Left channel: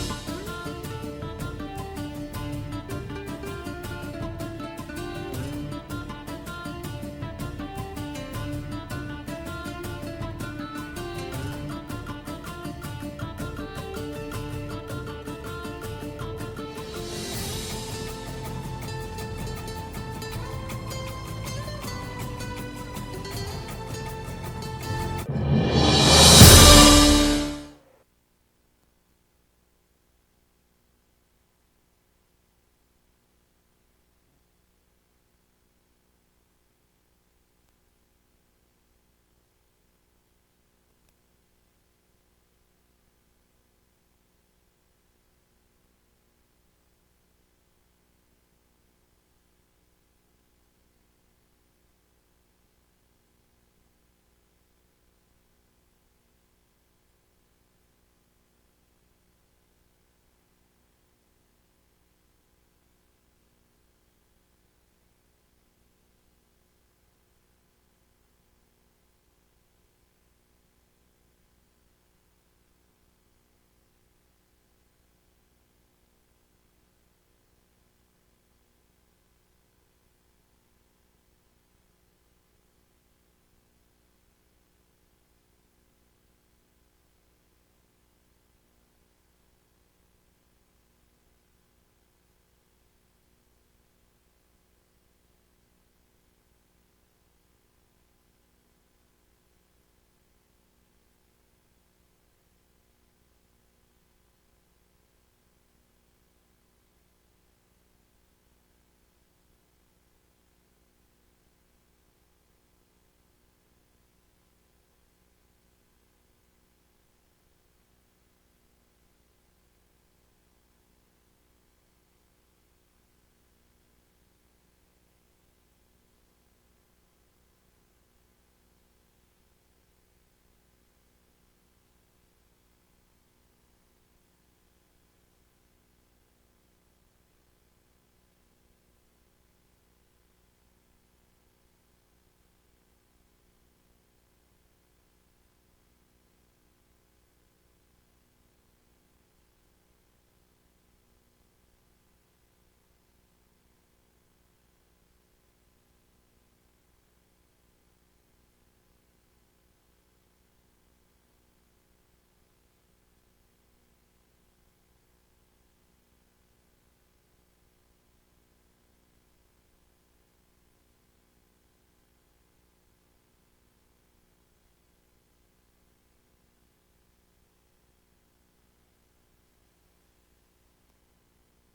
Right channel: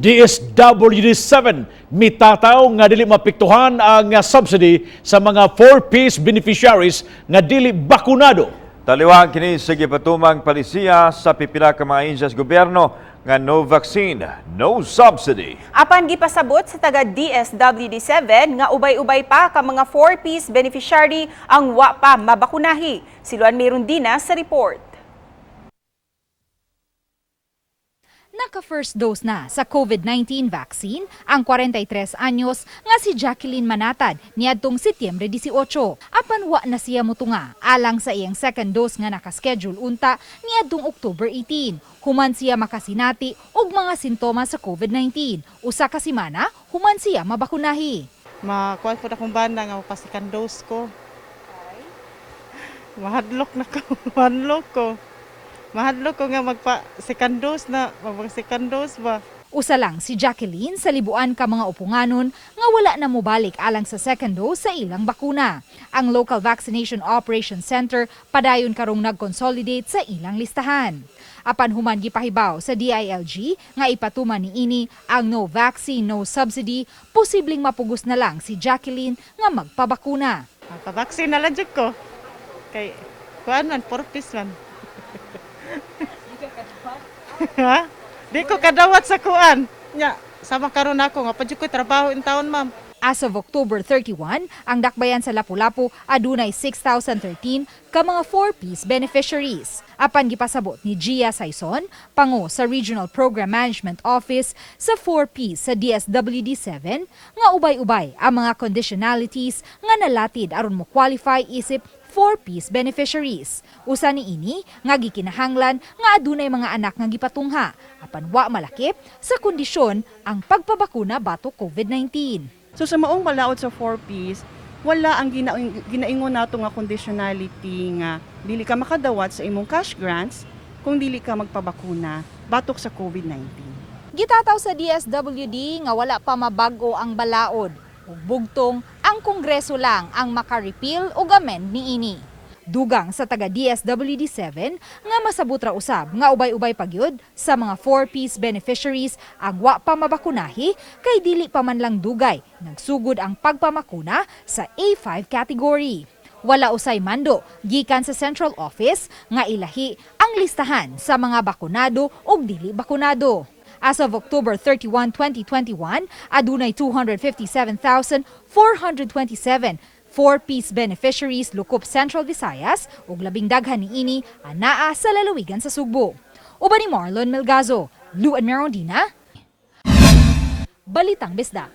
DSWD-7 mitataw nga dili mapiktuhan ang subsidy sa mga 4Ps beneficiaries nga dili bakunado. Taliwang kini sa gipatumang palisiya sa pipila ka mga ahensya sa gobyerno nga no vaccine, no subsidy. Apan gipasabot sa taga DSWD-7 nga ubay-ubay pa ka mga 4Ps beneficiary ang wa pa mabakunahi. Siluan mayroon din sa report. Naka-first dose na sa COVID-19 vaccine ang 43 anyos nga si Jacqueline Manatad niadtong Setyembre 18. Apan wa na siya motunga alang sa iyang second dose nga nakaschedule unta niadtong October 18. Human siya makasinati og mga sintomas sa COVID-19. Usa ka semana human siya mabakunahi. Makuha po akong banda nga pasikan dose ko. Mahadlok na ko, mahadlok ko nga magpa-second dose na, mag-second dose ba? Usa lang si Jacqueline sa libuan ka mga upunganon nga wala na mobalik alang sa second dose sa ilang bakuna. Ang Local Vaccination Operation Center padayon karong nag-consolidate sa ilang listahan. Apan human gipahibaw sa DILG nga ipatuman niini ang no vaccine, no subsidy, posibleng mapugos na lang si Jacqueline nga magpabakuna. Pa-vaccine na lang dyan ko. Kay, kuhaan man, purpose man. Ha? Di ko kadawat sa kuan. Nya, sama karon ako nga padyo ko trabaho in taon, ma'am. As of October 31, ang dakbayan sa Lapu-Lapu adunay 6,013 ka mga 4Ps beneficiaries. Apan gipasabot ni Gia Saison, pango sa Regional Program Management Office sa 4Ps sa DSWD-7, nga ubay-ubay ang mga conditionalities nga nalatid aron mo qualify isip 4Ps beneficiaries. Usa niini nga gikinahanglan nga adunay mga anak nga gipatungha apan wa malakip sa kondisyon ang pagpabakuna batok COVID-19. So sa maong balaod sa 4Ps, wala ang ginaingon nato nga conditionality nga dili ka makadawat sa imong cash grants kung dili ka magpabakuna batok sa COVID-19. Gitataw sa DSWD nga wala pa mabag-o ang balaod. Ug bugtong ang Kongreso lang ang maka-repeal o amend niini. Dugang sa taga DSWD-7 nga masabut ra usab nga ubay-ubay pagyud sa mga 4Ps beneficiaries ang wa pa mabakunahi kay dili pa man lang dugay nagsugod ang pagpamakuna sa A5 category. Wala usay mando gikan sa Central Office nga ilahi ang listahan sa mga bakunado ug dili bakunado. As of October 31, 2021, adunay 257,427 4Ps beneficiaries lukop Central Visayas ug labing daghan niini anaa sa lalawigan sa Sugbo. Uban ni Marlon Melgazo, Luan Merondina, Balitang Bisda.